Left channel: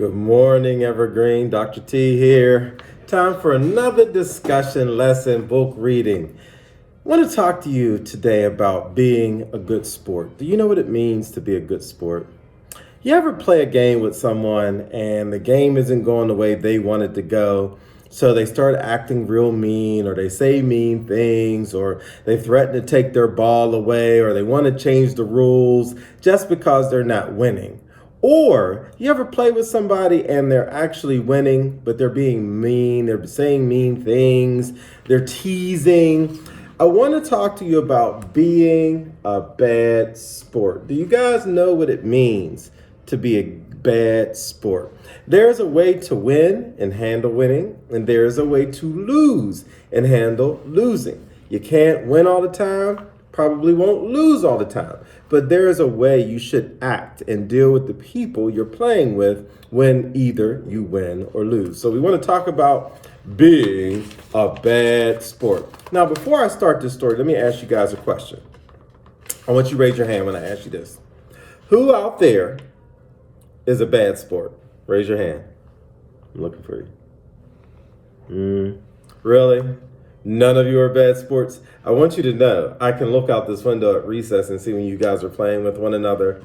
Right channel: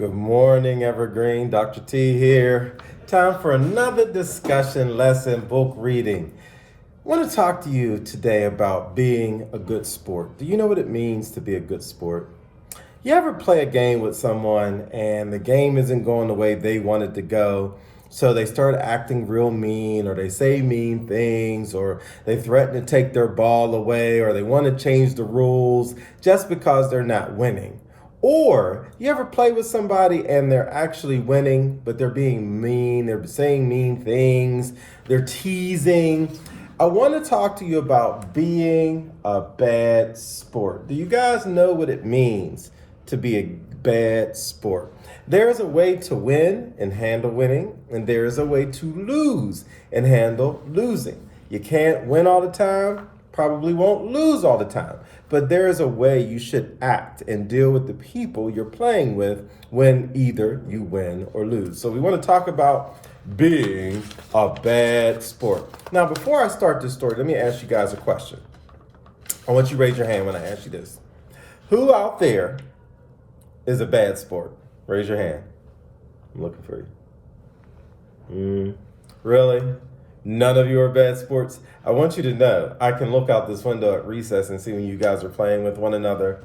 Good morning, Evergreen. Dr. T here. Time for another discussion lesson, book reading. I want to talk to you today about being a good sport. Do you know what it means to be a good sport? You ever play a game with someone and the game isn't going the way they want it to go? So they start acting real mean, or they say mean things, or they threaten to take their ball away, or they want to change the rules just because they're not winning. Or you ever play with somebody and they're actually winning, but they're being mean, they're saying mean things, they're teasing. I want to talk to you about being a bad sport. Do you guys know what it means to be a bad sport? There's a way to win and handle winning, and there's a way to lose and handle losing. You can't win all the time, probably won't lose all the time, but there is a way you should act and deal with the people you're playing with when either you win or lose. So we want to talk about being a bad sport. Now, before I start this story, let me ask you guys a question. I want you to raise your hand when I ask you this. Who out there is a bad sport? Raise your hand. I'm looking for you. Really? None of you are bad sports? I want you to know, I can look out this window at recess and see when you guys are playing with one another.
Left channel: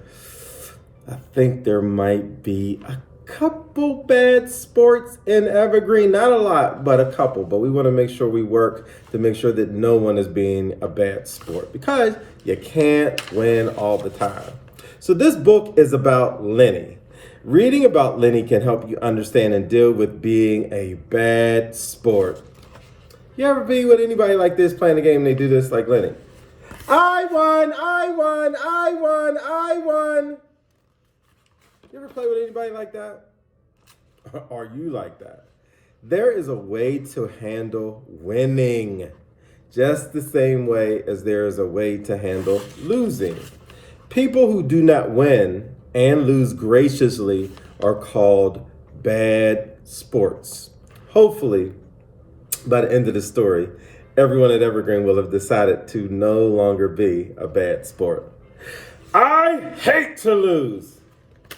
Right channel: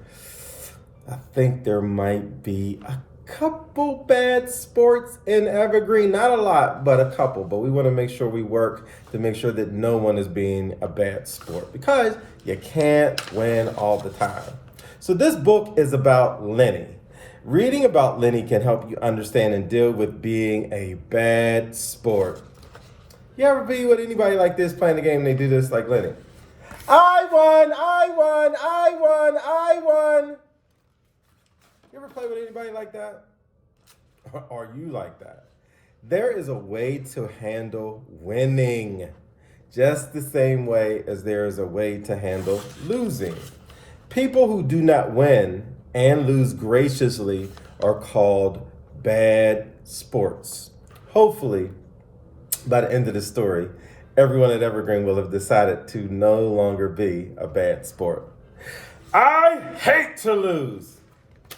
I think there might be a couple bad sports in Evergreen. Not a lot, but a couple. But we want to make sure we work to make sure that no one is being a bad sport, because you can't win all the time. So this book is about Lenny. Reading about Lenny can help you understand and deal with being a bad sport. You ever be with anybody like this playing a game and they do this like Lenny? I won. You ever play with anybody like that? Are you like that? There is a way to handle winning, just the same way as there is a way to handle losing. People who do not win and lose graciously are called bad sports. Hopefully, by the end of the story, everyone at Evergreen will have decided to no longer be a bad sport. I hate to lose,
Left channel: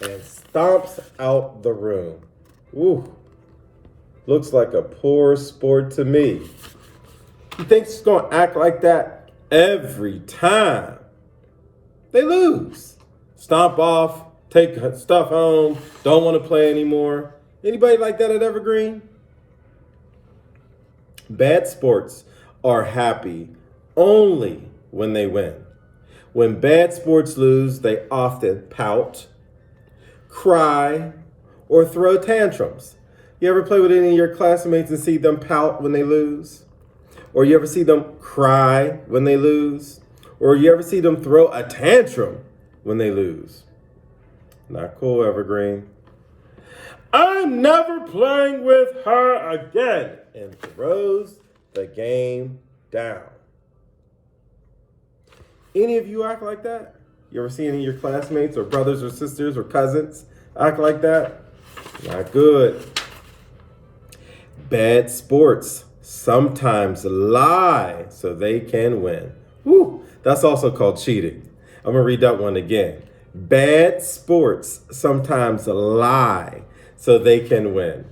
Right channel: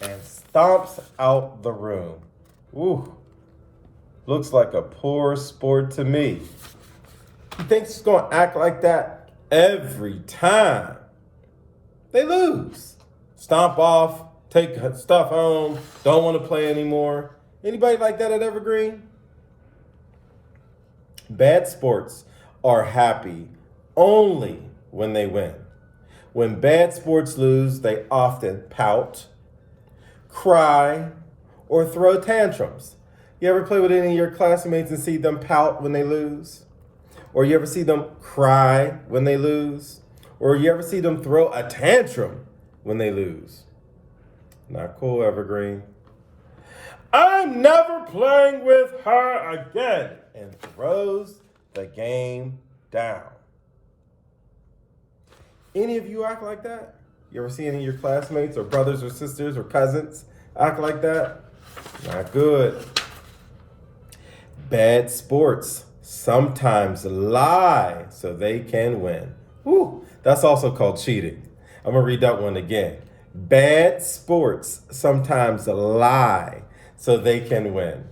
and stomps out the room. Ooh, looks like a poor sport to me. He thinks he's going to act like that every time they lose. Stomp off, take stuff home, don't want to play anymore. Anybody like that at Evergreen? Bad sports are happy only when they win. When bad sports lose, they often pout, cry, or throw tantrums. You ever play with any of your classmates and see them pout when they lose? Or you ever see them cry when they lose? Or you ever see them throw a tantrum when they lose? Not cool, Evergreen. I'm never playing with her again, and throws the game down. Any of you act like that? You ever see any of your classmates or brothers or sisters or cousins act like that? Not good. Bad sports sometimes lie so they can win. Woo, that's also called cheating. I'm gonna read that one again. Bad sports sometimes lie so they can win.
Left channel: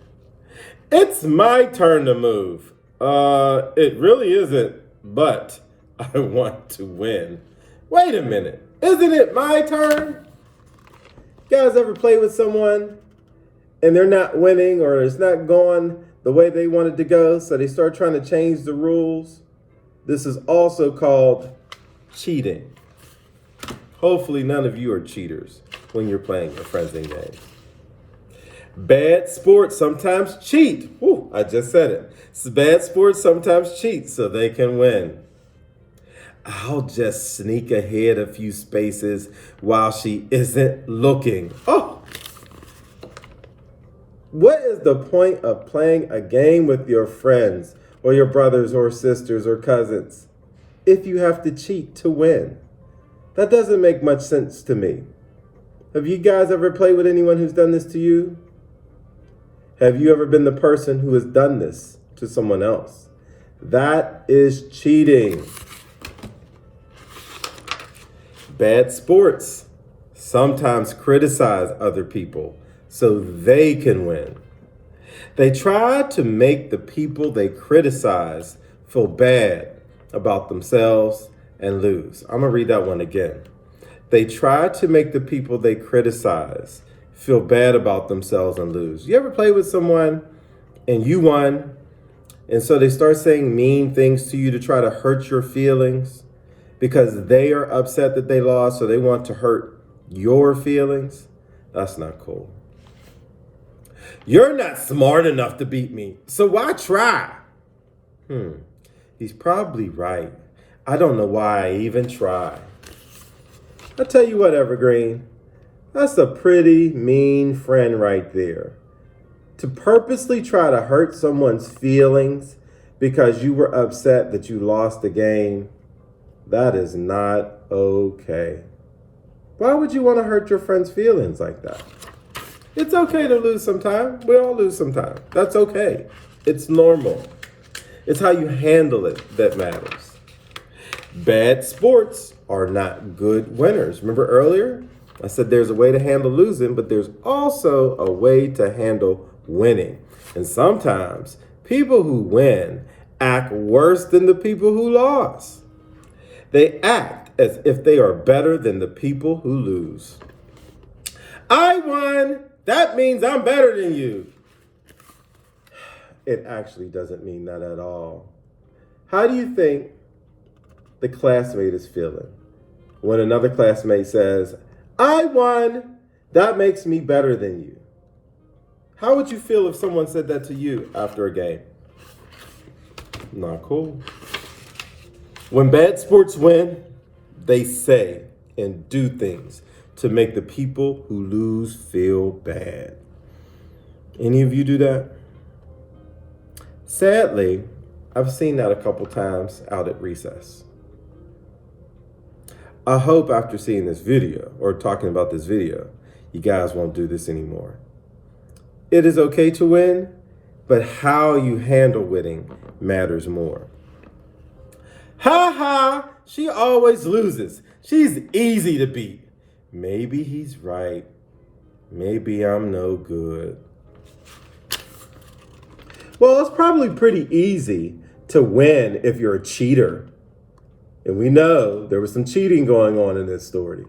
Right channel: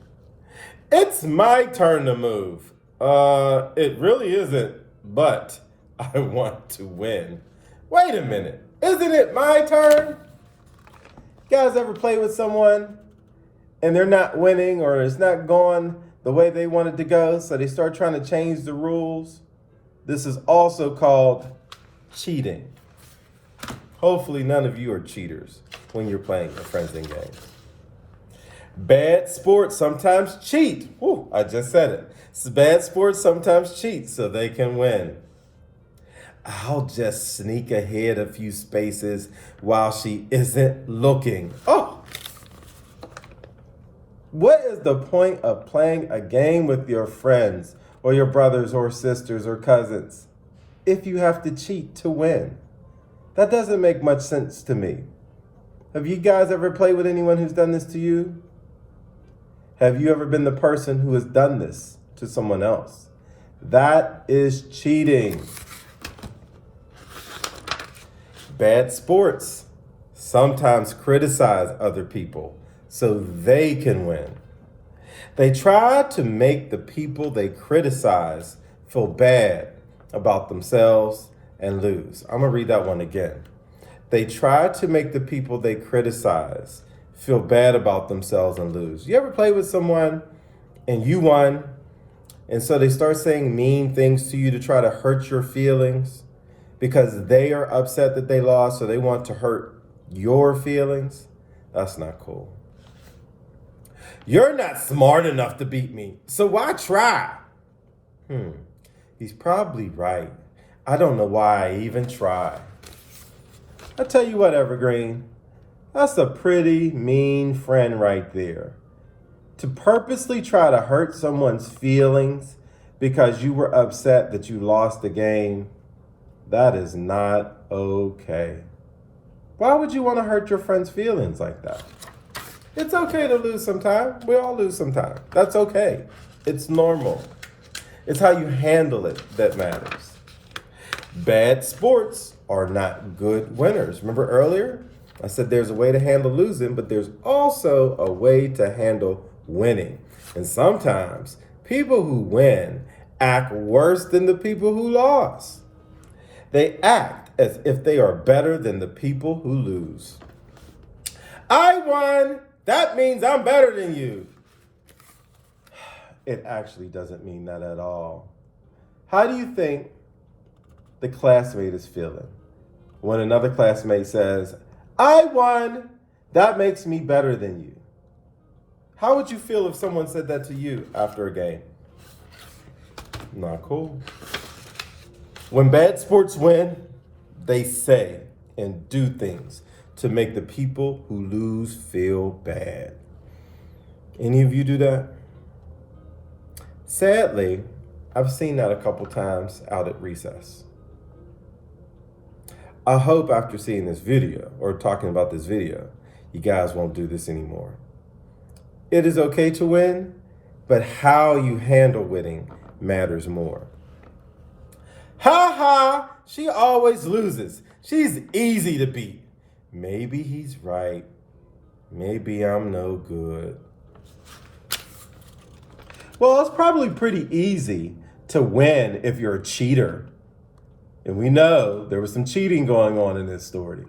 It's my turn to move. It really isn't, but I want to win. Wait a minute, isn't it my turn? You guys ever play with someone and they're not winning, or it's not going the way they wanted to go, so they start trying to change the rules? This is also called cheating. Hopefully none of you are cheaters when you're playing your friends in games. Bad sports sometimes cheat. Woo, I just said it. Bad sports sometimes cheat so they can win. I'll just sneak ahead a few spaces while she isn't looking. Oh! What is the point of playing a game with your friends or your brothers or sisters or cousins if you have to cheat to win? That doesn't make much sense to me. Have you guys ever played with anyone who's done this to you? Have you ever been the person who has done this to someone else? That is cheating. Bad sports sometimes criticize other people so they can win. They try to make the people they criticize feel bad about themselves and lose. I'm going to read that one again. They try to make the people they criticize feel bad about themselves and lose. You ever play with someone and you won, and so they start saying mean things to you to try to hurt your feelings because they are upset that they lost, so they want to hurt your feelings? That's not cool. You're not smart enough to beat me, so why try? He's probably right. I don't know why I even try. I tell you what, Evergreen, that's a pretty mean friend right there. To purposely try to hurt someone's feelings because you were upset that you lost the game, that is not okay. Why would you want to hurt your friend's feelings like that? It's okay to lose sometime. We all lose sometime. That's okay. It's normal. It's how you handle it that matters. Bad sports are not good winners. Remember earlier? I said there's a way to handle losing, but there's also a way to handle winning. And sometimes people who win act worse than the people who lost. They act as if they are better than the people who lose. I won. That means I'm better than you. It actually doesn't mean that at all. How do you think the classmate is feeling when another classmate says, I won, that makes me better than you? How would you feel if someone said that to you after a game? Not cool. When bad sports win, they say and do things to make the people who lose feel bad. Any of you do that? Sadly, I've seen that a couple times out at recess. I hope after seeing this video or talking about this video, you guys won't do this anymore. It is okay to win, but how you handle winning matters more. Ha ha, she always loses. She's easy to beat. Maybe he's right. Maybe I'm no good. Well, it's probably pretty easy to win if you're a cheater. And we know there was some cheating going on in this story.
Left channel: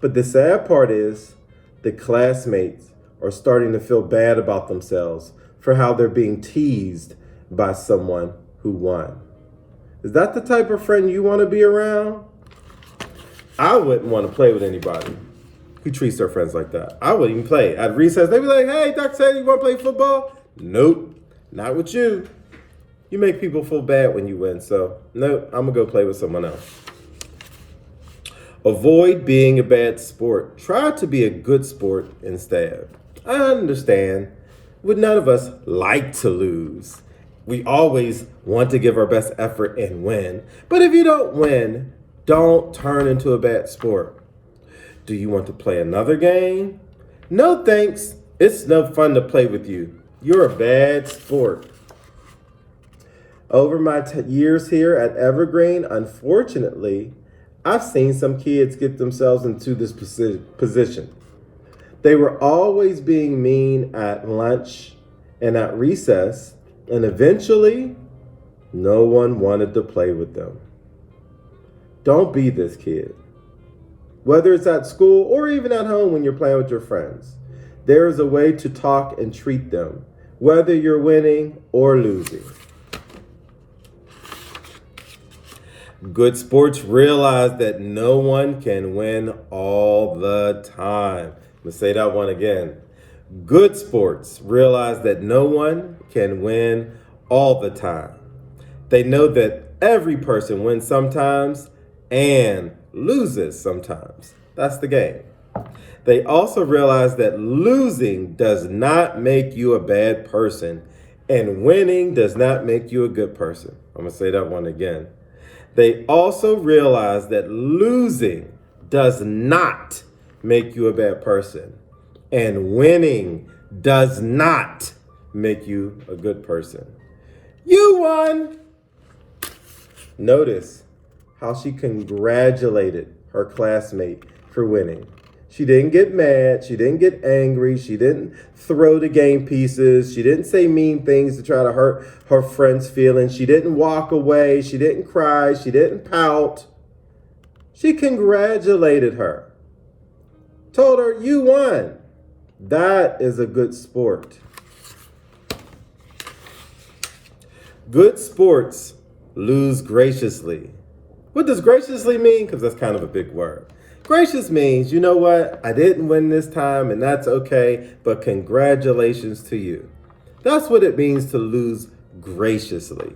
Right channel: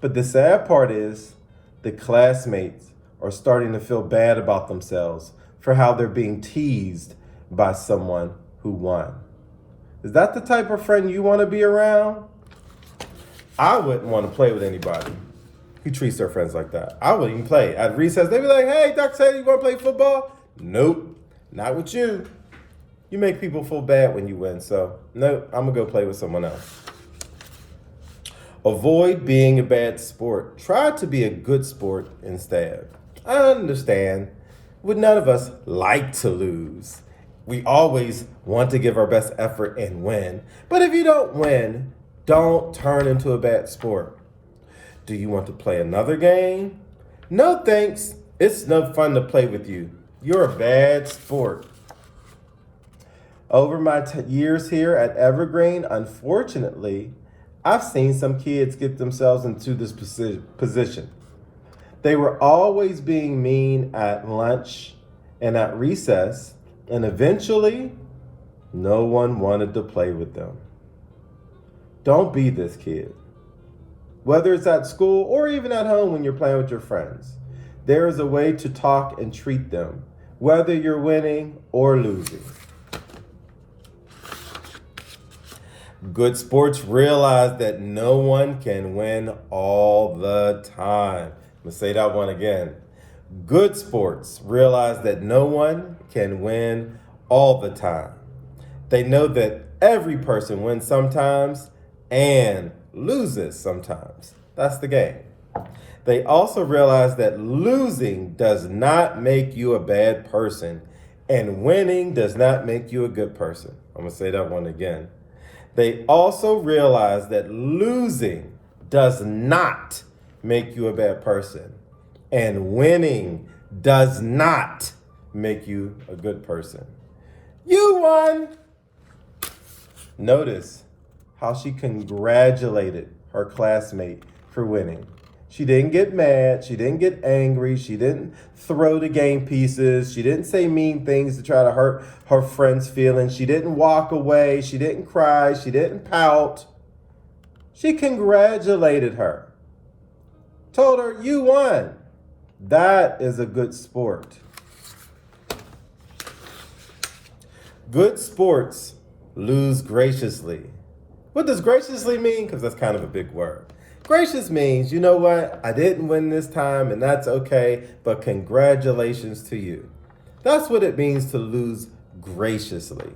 But the sad part is the classmates are starting to feel bad about themselves for how they're being teased by someone who won. Is that the type of friend you want to be around? I wouldn't want to play with anybody who treats their friends like that. I wouldn't even play. At recess, they'd be like, hey, Dr. Taylor, you want to play football? Nope, not with you. You make people feel bad when you win, so nope, I'm going to go play with someone else. Avoid being a bad sport. Try to be a good sport instead. I understand. Would none of us like to lose? We always want to give our best effort and win. But if you don't win, don't turn into a bad sport. Do you want to play another game? No thanks. It's no fun to play with you. You're a bad sport. Over my years here at Evergreen, unfortunately, I've seen some kids get themselves into this position. They were always being mean at lunch and at recess, and eventually, no one wanted to play with them. Don't be this kid. Whether it's at school or even at home when you're playing with your friends, there is a way to talk and treat them, whether you're winning or losing. Good sports realize that no one can win all the time. Let's say that one again. Good sports realize that no one can win all the time. They know that every person wins sometimes and loses sometimes. That's the game. They also realize that losing does not make you a bad person and winning does not make you a good person. I'm going to say that one again. They also realize that losing does not make you a bad person and winning does not make you a good person. You won! Notice how she congratulated her classmate for winning. She didn't get mad. She didn't get angry. She didn't throw the game pieces. She didn't say mean things to try to hurt her friend's feelings. She didn't walk away. She didn't cry. She didn't pout. She congratulated her. Told her, you won. That is a good sport. Good sports lose graciously. What does graciously mean? Because that's kind of a big word. Gracious means, you know what? I didn't win this time and that's okay, but congratulations to you. That's what it means to lose graciously.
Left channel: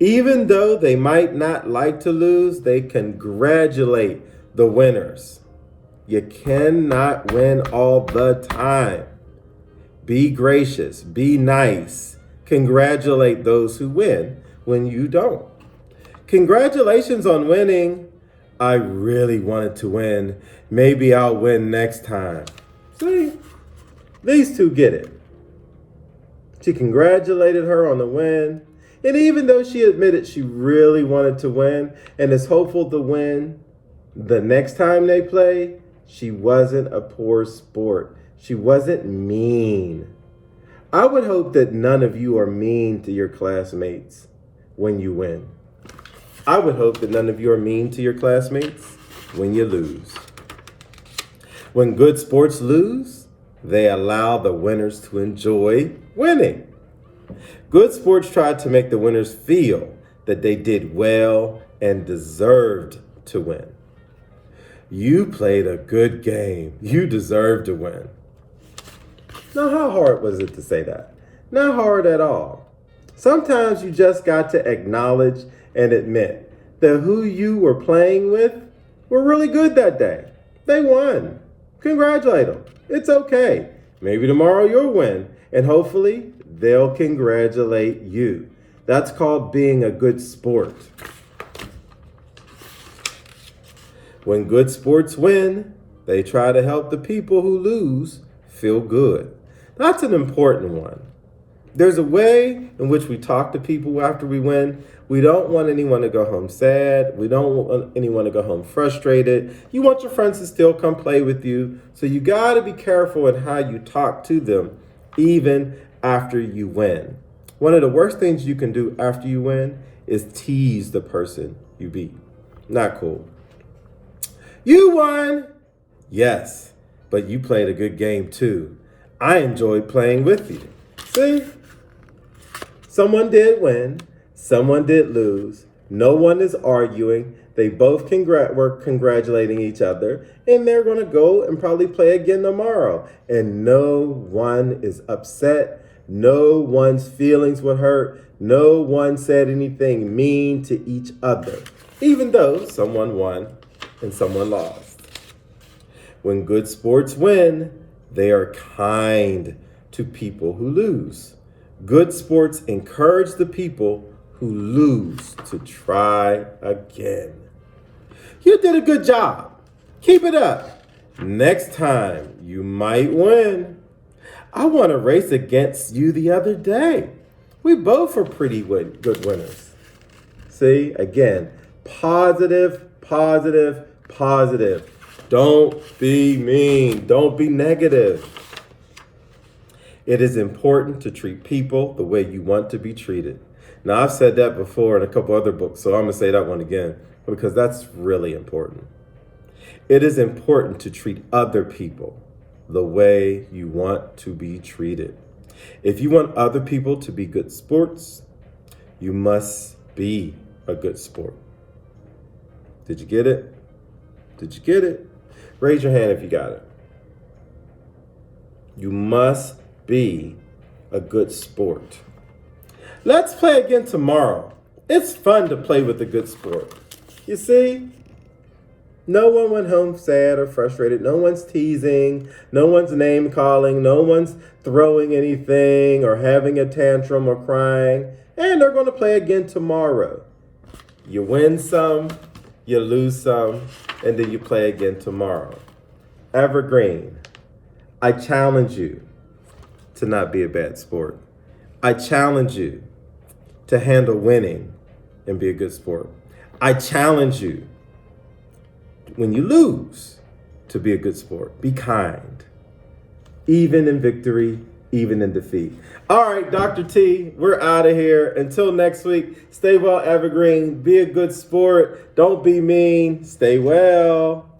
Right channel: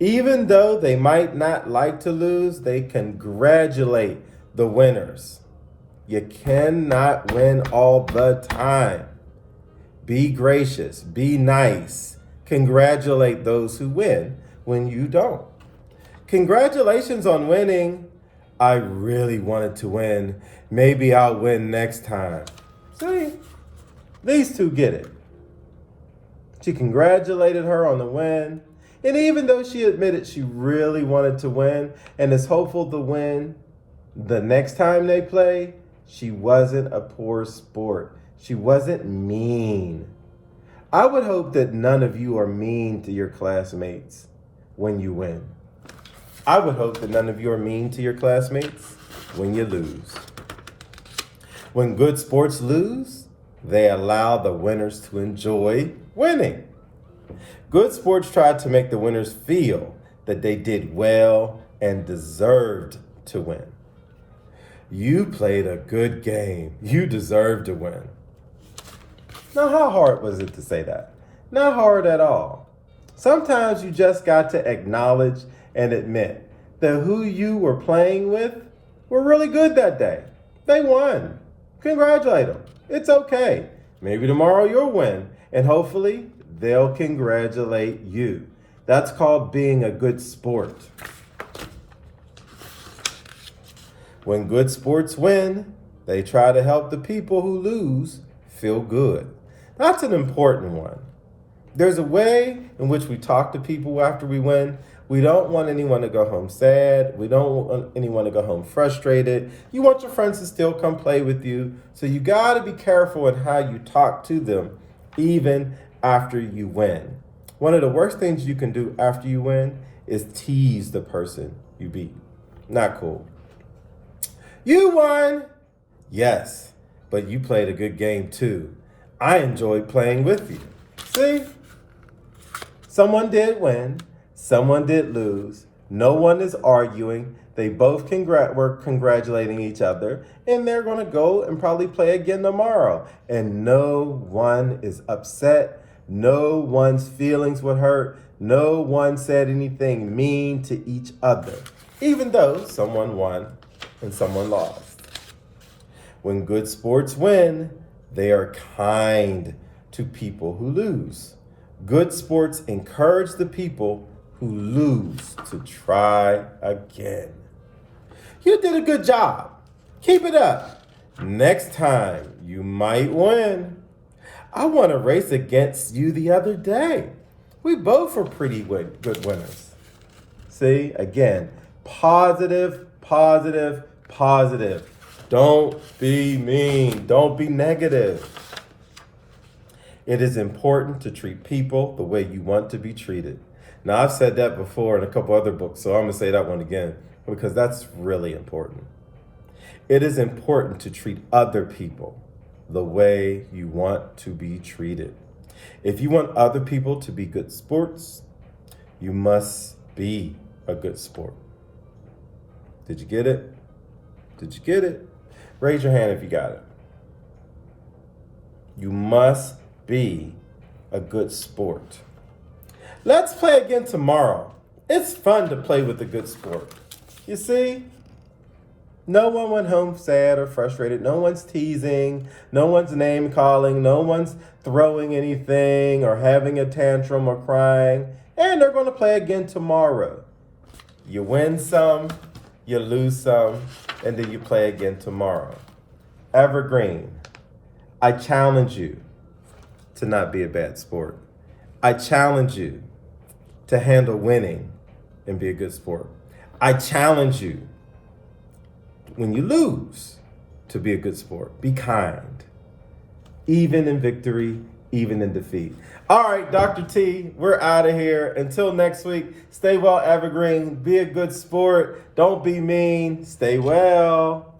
Even though they might not like to lose, they congratulate the winners. You cannot win all the time. Be gracious, be nice. Congratulate those who win when you don't. Congratulations on winning. I really wanted to win. Maybe I'll win next time. See, these two get it. She congratulated her on the win. And even though she admitted she really wanted to win and is hopeful to win the next time they play, she wasn't a poor sport. She wasn't mean. I would hope that none of you are mean to your classmates when you win. I would hope that none of you are mean to your classmates when you lose. When good sports lose, they allow the winners to enjoy winning. Good sports try to make the winners feel that they did well and deserved to win. You played a good game. You deserve to win. Now, how hard was it to say that? Not hard at all. Sometimes you just got to acknowledge and admit that who you were playing with were really good that day. They won. Congratulate them. It's okay. Maybe tomorrow you'll win, and hopefully they'll congratulate you. That's called being a good sport. When good sports win, they try to help the people who lose feel good. That's an important one. There's a way in which we talk to people after we win. We don't want anyone to go home sad. We don't want anyone to go home frustrated. You want your friends to still come play with you. So you got to be careful in how you talk to them, even after you win. One of the worst things you can do after you win is tease the person you beat. Not cool. You won. Yes, but you played a good game too. I enjoyed playing with you. See? Someone did win. Someone did lose. No one is arguing. They both were congratulating each other, and they're going to go and probably play again tomorrow. And no one is upset. No one's feelings were hurt. No one said anything mean to each other, even though someone won and someone lost. When good sports win, they are kind to people who lose. Good sports encourage the people who lose to try again. You did a good job. Keep it up. Next time, you might win. I won a race against you the other day. We both were pretty good winners. See, again, positive, positive, positive. Don't be mean. Don't be negative. It is important to treat people the way you want to be treated. Now, I've said that before in a couple other books, so I'm going to say that one again because that's really important. It is important to treat other people the way you want to be treated. If you want other people to be good sports, you must be a good sport. Did you get it? Did you get it? Raise your hand if you got it. You must be a good sport. Let's play again tomorrow. It's fun to play with a good sport. You see, no one went home sad or frustrated. No one's teasing. No one's name calling. No one's throwing anything or having a tantrum or crying. And they're going to play again tomorrow. You win some, you lose some, and then you play again tomorrow. Evergreen, I challenge you to not be a bad sport. I challenge you to handle winning and be a good sport. I challenge you, when you lose, to be a good sport. Be kind, even in victory, even in defeat. All right, Dr. T, we're out of here. Until next week, stay well, Evergreen. Be a good sport. Don't be mean. Stay well.